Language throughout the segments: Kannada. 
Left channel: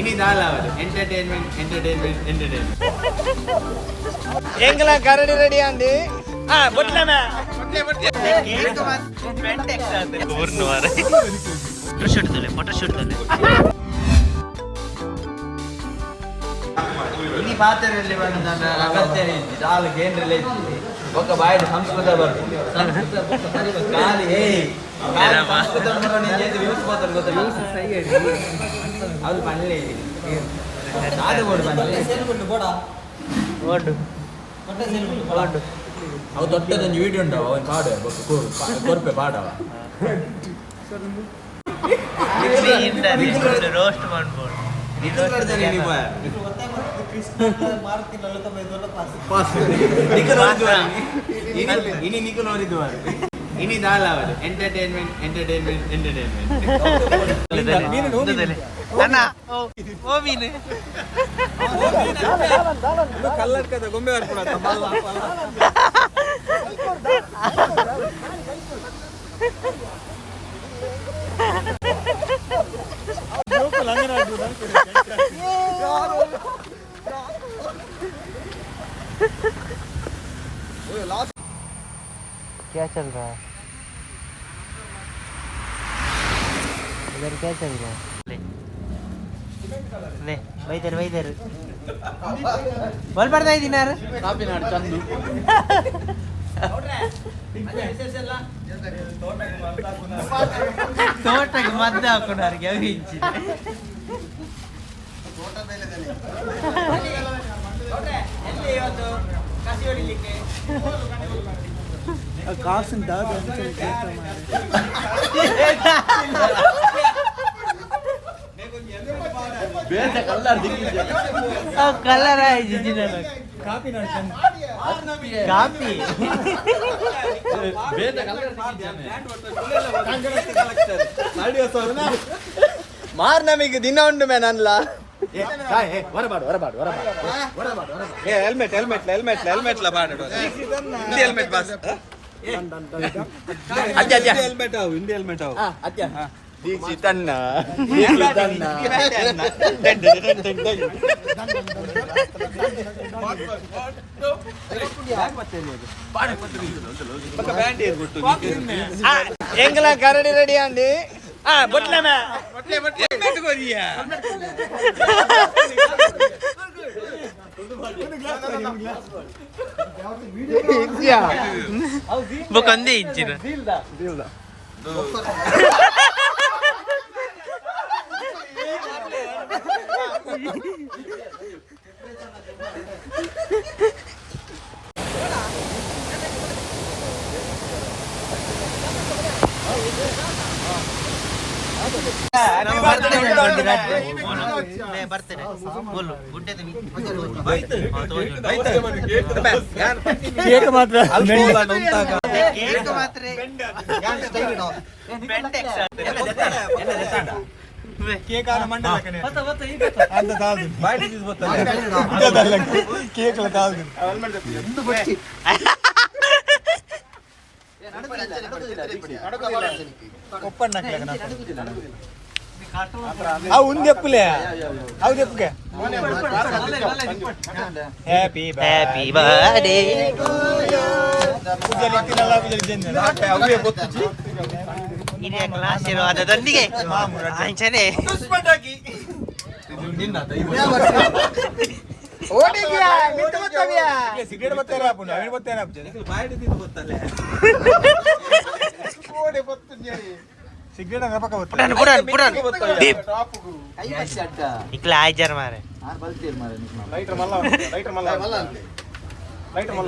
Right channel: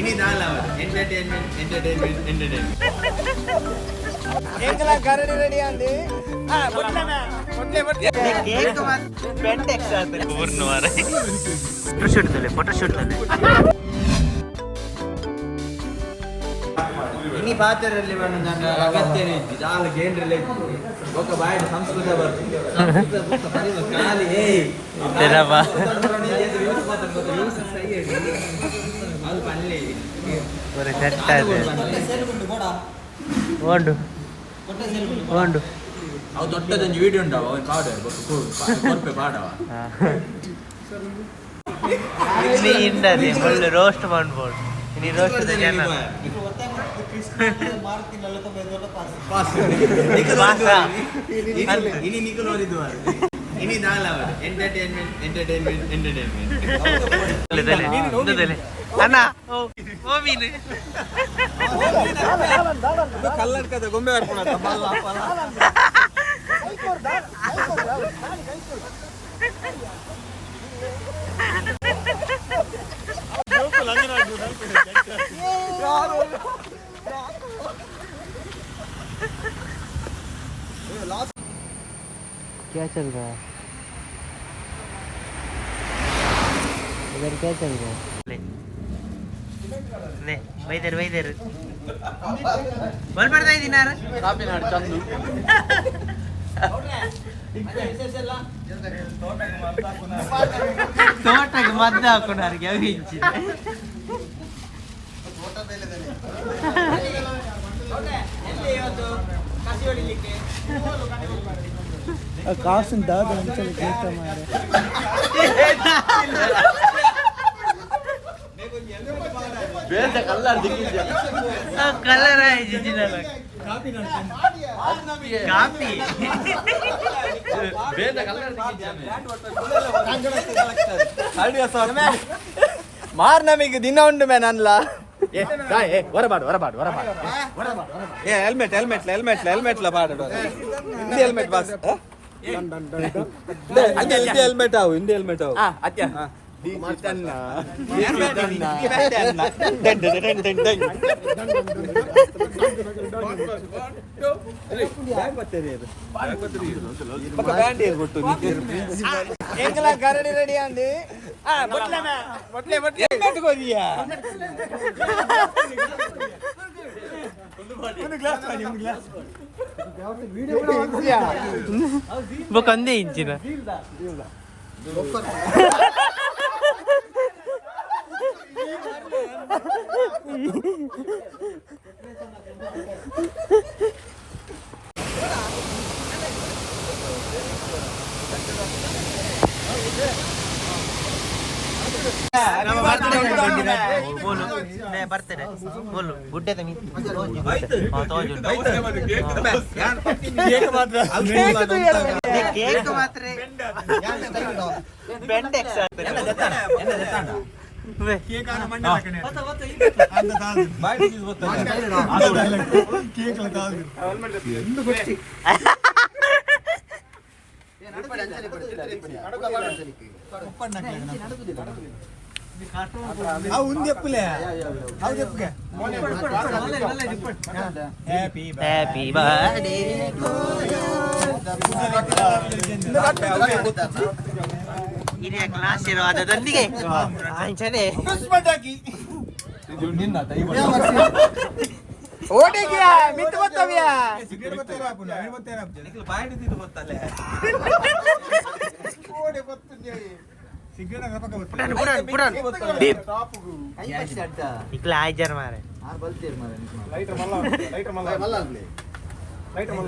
ini dalam entertainment. Engkau karena ready andi. Betul mana? Cake mas, pentek sahaja. Kurno ada. Foto shoot dulu. Ini pacar level nanda agatnya ni. Jal game relate. Oka bayar samskuda berarti. Kali kenapa? Aku panle. Aku dotted dan video nda, awak kader, korpe pada. Ini indah ni, boleh roast manpun. Ini roast saja na. Pas. Ini nikul lagi dua. Ini dalam entertainment. Dale. Ana, mine. Lu color kada gombe varpuna tamalla. क्या चल रहा है इधर? क्या चल रहा है? ले वैदर बोल पड़ता है दिनार ತೋಟಕ್ಕೆ ಮದ್ದು ಹಾಕೊಂಡಾರಿಗೆ ಅವಿಂಚಿದೆ ಕಾಸಿಂದ ಕಲರ್ ಆಯ್ತು ಕಾಪಿ ಮಾರ್ ನಮಗೆ ದಿನ ಉಂಟು ಮೇ ನನ್ಲ ಹೊರಬಾಡು ಹೆಲ್ಮೆಟ್ ಬಾಡು ಹಿಂದಿ ಹೆಲ್ಮೆಟ್ ಬಾಸ್ ಹೆಲ್ಮೆಟ್ ಅವು ಹಿಂದಿ ಹೆಲ್ಮೆಟ್ ಅವು Tanda. Engkau karena ready andi. Betul mana? Betul kau dia. Bukan dia incina. Nama birthday kan Gondirat. Bolu. Ne birthday. Bolu. Budde tani. Oh toju. Cake matre. Alcohol nonta. Cake matre. Yang style do. Pentek sahaja. Enna jatanda. Cake ana mandalakane. Vata ita. Anda taadu. Bite is vata. Cake la taadu. Indu gotti. Happy birthday to you. Ini kelas ya ada tadi ke? Anjir deh. Terus pada ki. Itu ninda tadi. Udah kira, minta betul ya. Sigaret betul apa pun, air betul apa jadi. Itu bayar itu betul lah. Udah betulnya. Sigaret apa kau? Puran. Deep. Iklan ajar mare.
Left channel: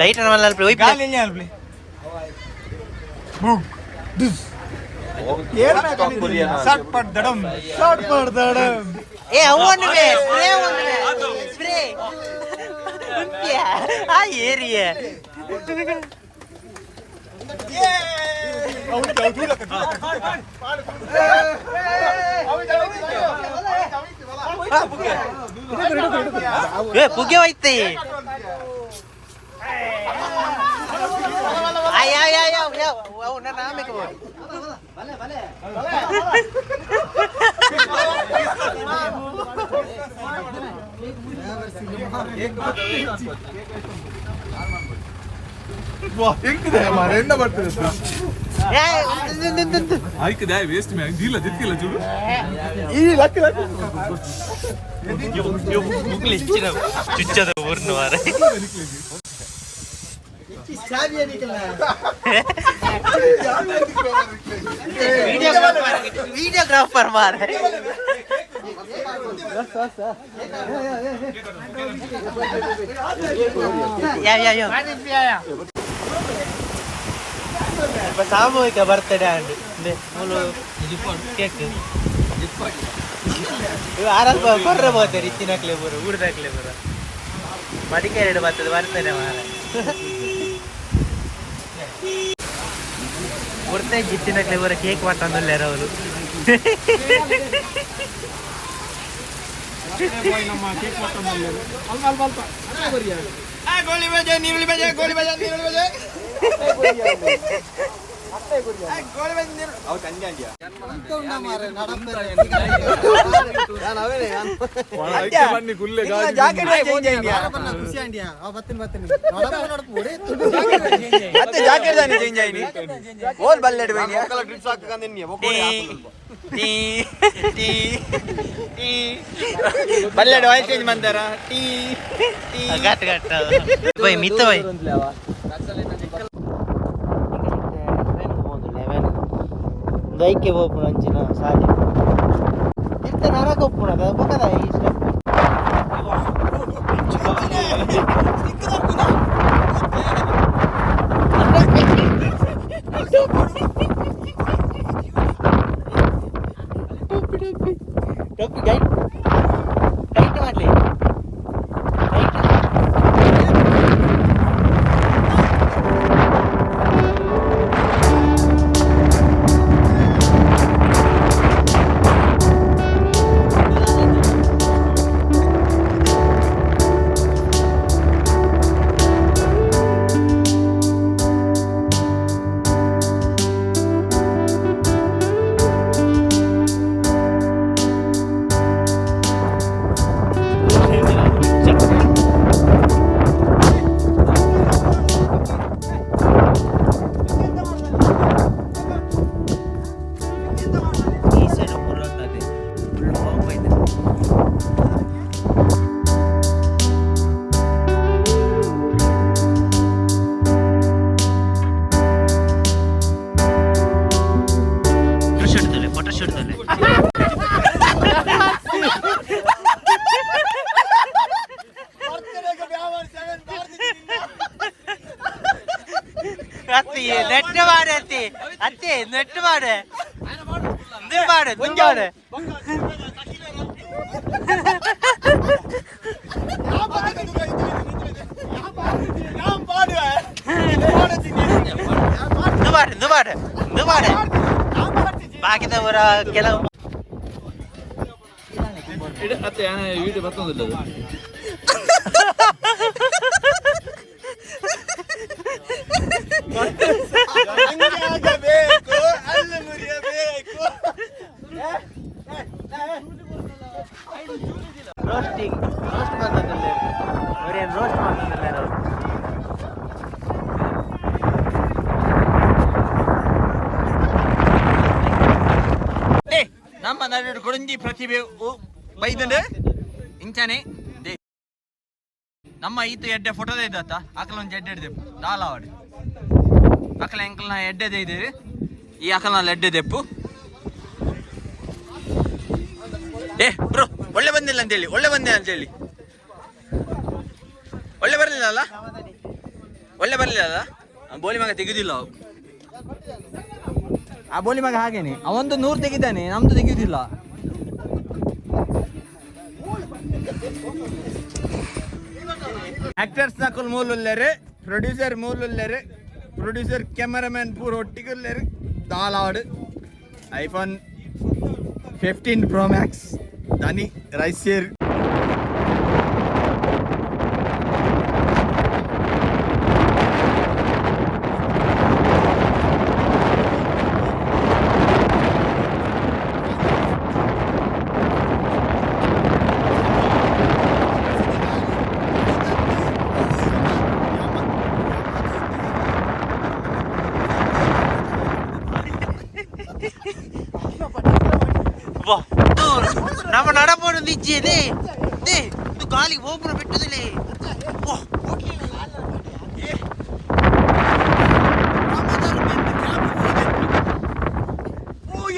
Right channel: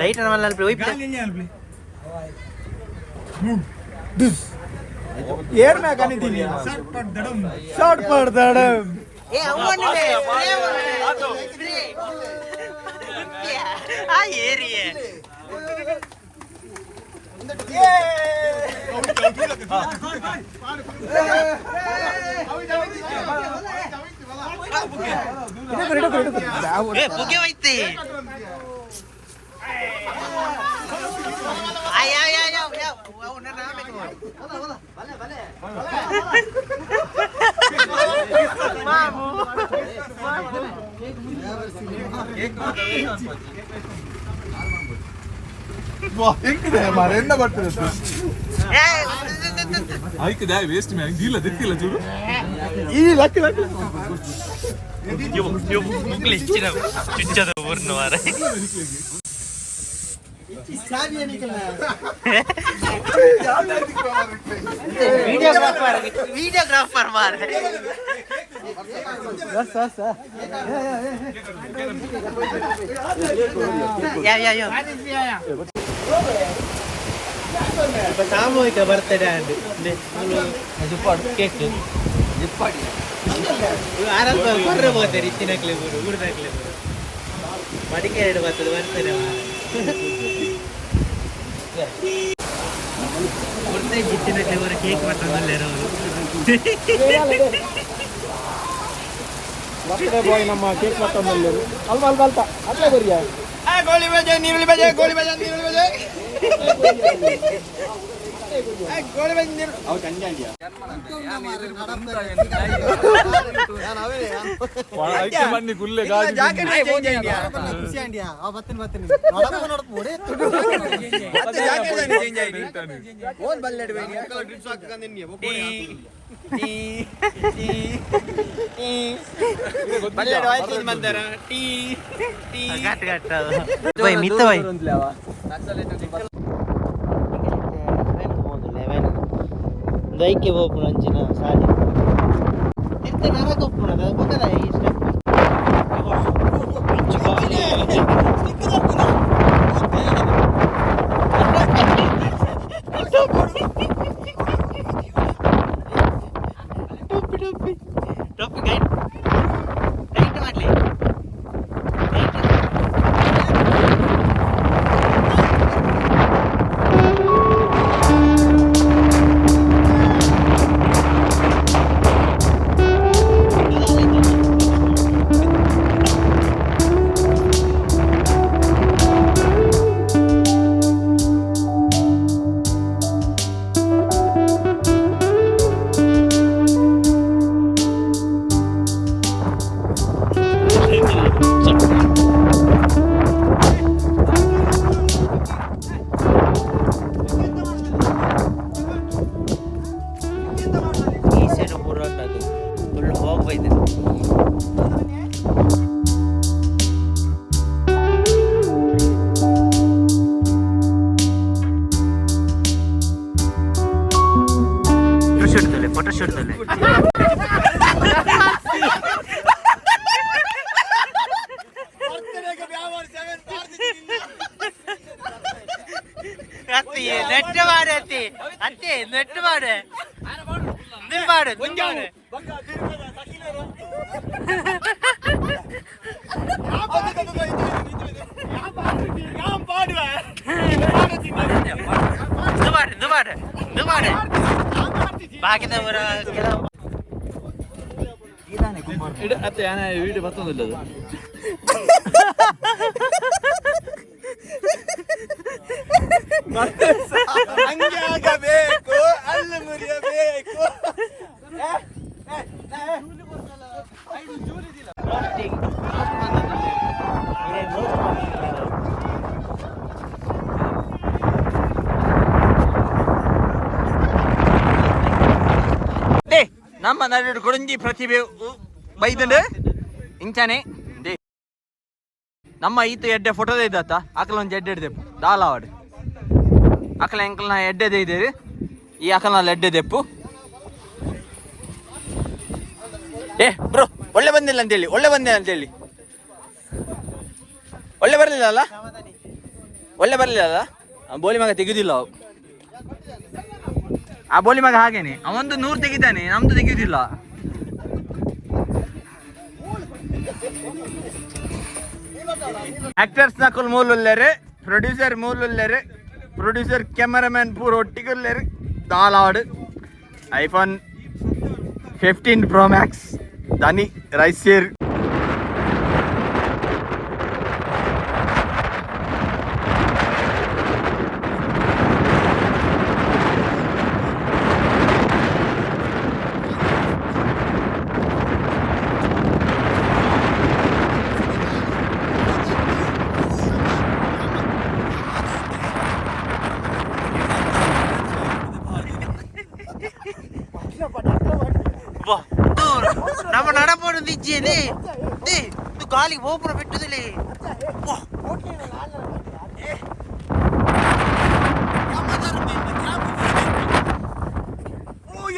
Lighter malah play. Kalinya play. Boom. Dus. Year में कनी दिया. Shot पर धड़म. Awan में. Spray. क्या? ये रही है. पुगे वाइते. आया. वो ना नाम है कौन? भले. मामू. ಹೆಂಗಿದೆ ಮಾರ ಎಂದ ಬರ್ತದೆ ಆಯ್ಕದ ವೇಸ್ಟ್ ಮ್ಯಾಗ ಇಲ್ಲ ದಿಕ್ಕಿಲ್ಲ ಚೂರು ಈ ಲಕ್ಕ ಚುಚ್ಚದ ಊರ್ನ ಮಾರ ವಿಡಿಯೋಗ್ರಾಫರ್ ಮಾರ ಸಾಮೂಹಿಕ ಬರ್ತಡೇ ಆಂಡ್ ಕೇಕ್ ಆರಂಭ ಬರ್ರೆ ಬೋತಾರೆ ಇತ್ತಿನಕ್ಲೆ ಬರು ಊರ್ದಾಕ್ಲೆ ಬರು ಮಡಿಕೇರಿ ಬರ್ತದೆ ಬರ್ತೇನೆ ಕೊಡ್ತಾ ಜಿತ್ತಿನಕ್ಲೆ ಬರೋ ಕೇಕ್ ಮಾಡ್ತಾನಲ್ಲ ಅವರು ನಮ್ಮ ಕೇಕ್ ಮಾಡ್ತಾನಲ್ಲ ಅಲ್ಪ ಅಲ್ಪ ಅಲ್ಪ ಅಲ್ಲೇ ಬರಿಯಾ ಗೋಳಿ ಬಜೆ ನೀರುಳ್ಳಿ ಬಜೆ ಗೋಳಿ ಬಜೆ ನೀರುಳ್ಳಿ ಬಜೆ ಮಿತ್ತ ಬೈ ದೈಕೆ ಹೋಗ್ಬಿಡ ಅಂಚಿನ ಸಾಲಿ ಎಂತ ನರಕ ಒಪ್ಪುಣ ಬೊಕ್ಕದ ಈ ಸ್ಟೆಪ್ ಟೊಪ್ಪಿ ಟೊಪ್ಪಿ ಗೈಡ್ ಟೈಟ್ ಮಾಡ್ಲಿ ನೆಟ್ ಮಾಡಿ ಅತ್ತಿ ಅತ್ತಿ ನೆಟ್ ಮಾಡಿ ನೀವು ಮಾಡು ನೀವು ಮಾಡು ಬಾಕಿದವರ ಕೆಲವು ಅತ್ತೆ ವಿಡಿಯೋ ಬರ್ತದಿಲ್ಲ ಅದು ನಮ್ಮ ನಡು ಕೊಡುಂಜಿ ಪ್ರತಿಭೆ ಬೈದಂಡು ಇಂಚಾನೆ ನಮ್ಮ ಈತ ಎಡ್ಡೆ ಫೋಟೋದ ಇದ್ದಾತ ಅಕಲ ಒಂದು ಎಡ್ಡೆ ಹಿಡ್ದೆಪ್ಪು ದಾಲಾವಾಡು ಅಕಲ ಎಂಕಲ್ನ ಎಡ್ಡೆದೇ ಇದ್ದೀರಿ ಈ ಅಕಲ್ನಲ್ಲಿ ಎಡ್ಡೆ ದೆಪ್ಪು ಬ್ರೋ ಒಳ್ಳೆ ಬಂದಿಲ್ಲ ಅಂತೇಳಿ ಒಳ್ಳೆ ಬರಲಿಲ್ಲ ಅಲ್ಲ ಬೋಲಿ ಮಗ ತೆಗೆದಿಲ್ಲ ಆ ಬೋಲಿ ಮಗ ಹಾಗೇನೆ ಅವಂದು 100 ತೆಗಿತಾನೆ ನಮ್ದು ತೆಗೆಯುದಿಲ್ಲ ಆಕ್ಟರ್ಸ್ ನಕಲ್ ಮೂಲುಲ್ಲೇರೆ ಪ್ರೊಡ್ಯೂಸರ್ ಮೂಲುಲ್ಲೇರೆ ಪ್ರೊಡ್ಯೂಸರ್ ಕ್ಯಾಮರಾಮನ್ ಪೂರ ಒಟ್ಟಿಗುಲ್ಲೇರೆ ದಾಲಾಡು ಐಫೋನ್ 15 Pro Max ದಾನಿ ರೈಸೇರ್ ಒಂದು ಇಜ್ಜಿದೆ ಗಾಲಿಗೆ ಗೋಪುರ ಬಿಟ್ಟುದಿಲ್ಲ.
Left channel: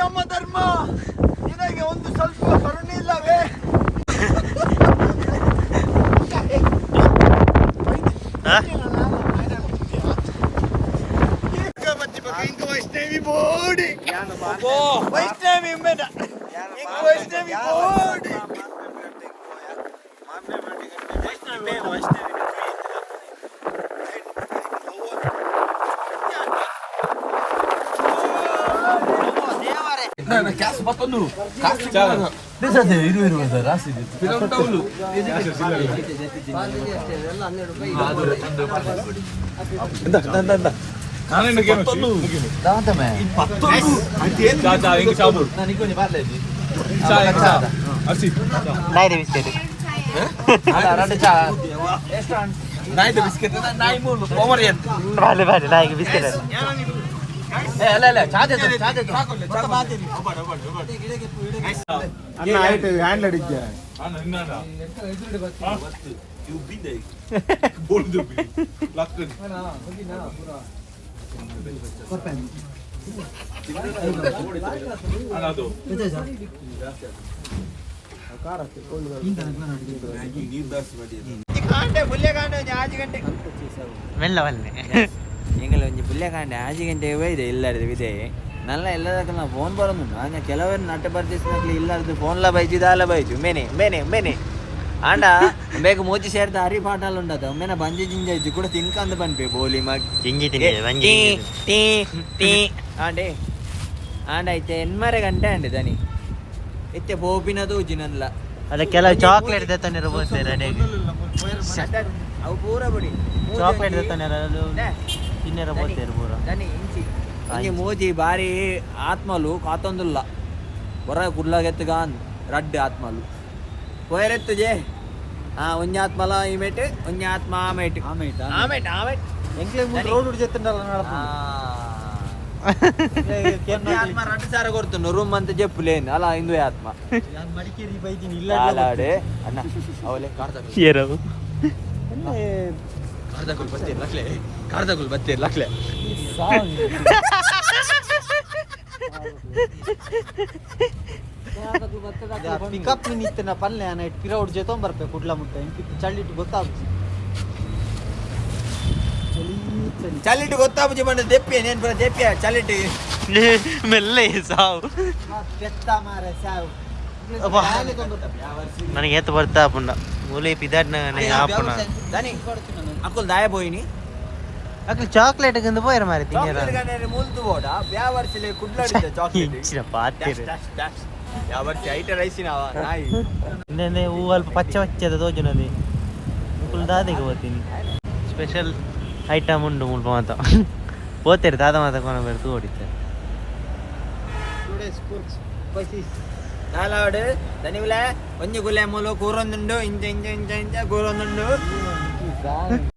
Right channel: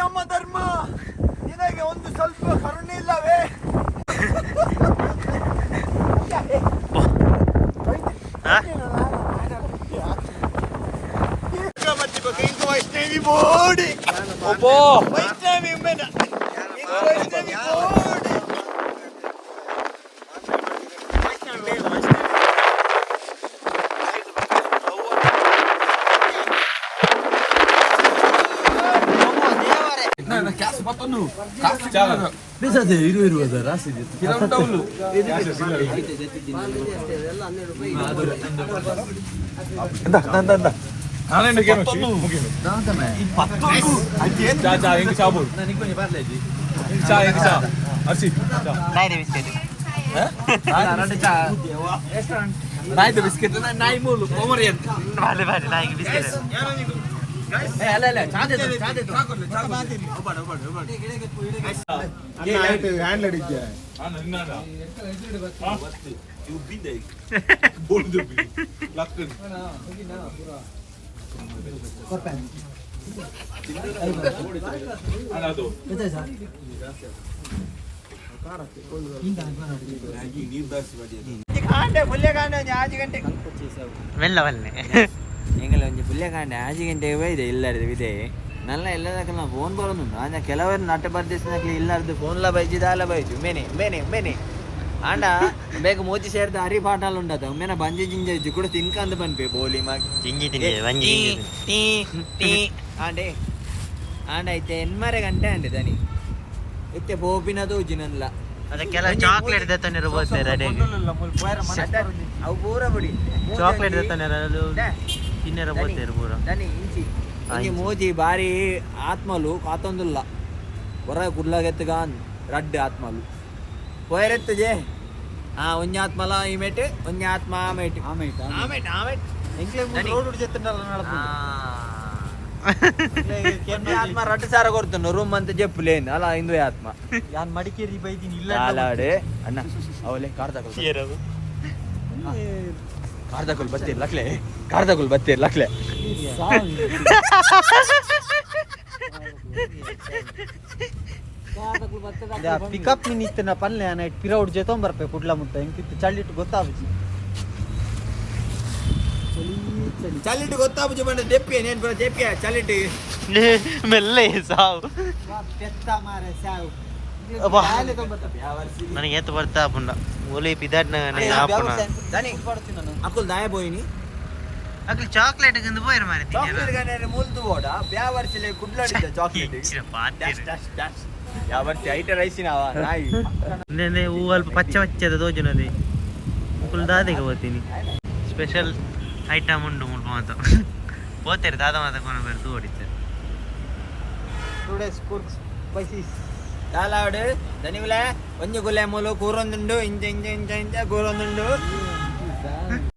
ಯಮ ಧರ್ಮ ನಿನಗೆ ಒಂದು ಸ್ವಲ್ಪ ಕರುಣೆ ಇಲ್ಲವೇ? Vaishnavi body Vaishnavi Kasu patonu, kasu cara. Bisa deh, iru ada rasi deh. Kita udah dulu. Entah. Kalian udah gimana sih? Dah men. Patonu. Caca, ini campur. Nanti kau nyebar lagi. Caca, ini caca. Asyik. Naik biscuit. Ada caca. Naik biscuit, naik mulu. Pomerian. Balik naik biscuit. ಅಲ್ಲ ಚಾರ್ಜ್ ಹ್ಯಾಂಡ್ ಅಡಿಗೆ ಮೆಲ್ಲವಲ್ಲೇ ಎಂಗಲ್ಲ ಒಂಜಿ ಪುಲ್ಯಕಾಂಡೆ ಆಜಿ ಗಂಟೆಗೆ ಬೈದೆ ಇಲ್ಲಾರ್ದು ವಿದೆ ನಲ್ಲ ಎಲ್ಲದಕ್ಕಲ್ಲ ಫೋನ್ ಬರೋದುಂಡು ಆಂಜ ಕೆಲವರು ನಟ ಬರ್ದಿಸ್ನಕ್ಲಿ ಇಲ್ಲಾರ್ದು ಫೋನ್ಲ ಬೈಜು ದಾಲ ಬೈಜು ಮೇನೆ ಆಂಡ ಬೇಗ ಮೂಜಿ ಸೇರ್ದ ಹರಿ ಪಾಠಾಲು ಉಂಡದ ಒಮ್ಮೆನ ಬಂಜಿ ಜಿಂಜ ಇಜ್ಜು ಕೂಡ ತಿನ್ಕಂದು ಬಂದ್ಪೆ ಬೋಲಿ ಟೀ ಆಂಡೆ ಐತೆ ಎನ್ಮರೆ ಗಂಟೆ ಅಂಡೆ ದನಿ ಇತ್ತೆ ಪೋಪಿನದು ಉಜಿನಲ್ಲ ಅದಕ್ಕೆಲ್ಲ ಚಾಕ್ಲೇಟ್ ದತ್ತಾನೆ ಬೋದ್ತಾರೆ ರೆಡಿಯಾಗಿ ಅವು ಪೂರ ಬಿಡಿ ಚಾಕ್ಲೇಟ್ ದತ್ತಾನೆ ಅದು ತಿನ್ನರ ಬೋದ್ತಾರೆ ಪೂರ ఇంక మోజీ భారీ ఆత్మలు కాతొందుల్ల ಹೊರ ಕುಡ್ಲಾಗೆತ್ತಗಾನ್ ರಡ್ಡು ಆತ್ಮಲು పోయరెత్తు జే ಒಂಜಾತ್ಮಲ ಇಮೇಟ್ ಒಂಜಾತ್ಮ ಆಮೇಟ್ ಆತ್ಮ ರಡ್ಡು ಸಾರ ಕೊಡ್ತಾನು ರೂಮ್ ಅಂತ ಜಪ್ಪುಲೇನು ಅಲ್ಲ ಹಿಂದೂ ಆತ್ಮ ನಾನು ಮಡಿಕೇರಿ ಬೈತೀನಿ ಇಲ್ಲ ಅಣ್ಣ ಅವಲೇ ಕಾರ್ದಗುಲ್ ಬತ್ತೀರಿ ಲಕ್ಲೆ ಪಿಕಪ್ ನಿನ್ನ ಪಲ್ಲೆ ನೈಟ್ ಪಿರೌಡ್ ಜೊತೆ ಬರ್ಬೇಕು ಕುಡ್ಲ ಮುಟ್ಟ ಇಂಕಿತ್ತು ಚಳಿಟ್ಟು ಗೊತ್ತಾಗ್ತದೆ ಚಲ್ಲಿಟ್ಟು ಗೊತ್ತಾಗ್ಬುಜಿ ಬಂದ ದೆಪ್ಪಿ ನೇನು ಬರ ದೆಪ್ಪಿ ಚಲ್ಲಿಟ್ಟು ಮೆಲ್ಲೆ ಸಾವು ಪೆತ್ತ ಮಾರ ಸಾವು ನನಗೆ ಎತ್ತು ಬರ್ತಾ ಪುಂಡ ಒಲೆ ಪಿದಾಡ್ನ ಆಪುಣ ಅಕ್ಕಲ್ ದಾಯ ಬೋಯಿನಿ ಅಕ್ಕ ಚಾಕ್ಲೇಟ್ ಗಂದು ಪೋಯರ ಮಾರಿ ತಿನ್ನರ ಮೂಲ್ದು ಬೋಡ ಬ್ಯಾವರ್ಸಿಲೆ ಕುಡ್ಲಾಡಿದ ಚಾಕ್ಲೇಟ್ ಇಚ್ಚಿನ ಪಾತಿರು ಯಾವರ್ಸಿ ಐಟ ರೈಸಿನವ ನಾಯಿ ನೆ ಹೂ ಅಲ್ಪ ಪಚ್ಚ ಪಚ್ಚದ ತೋಜುನದೆ ಮುಕುಲ್ ದಾದೆಗೆ ಹೋಗ್ತೀನಿ ಸ್ಪೆಷಲ್ ಐಟಮ್ ಉಂಡು ಮುಲ್ಪ ಮಾತ పోతారు దాదా మాత కొన పెడుతూ ఓడిచ్చారు ದಾಲಾವಡೆ ದನಿವಿಲೆ ಒಂಜಿ ಗುಲೆ ಮೂಲು ಕೂರೊಂದುಂಡು ಇಂಚ ಕೂರೊಂದುಂಡು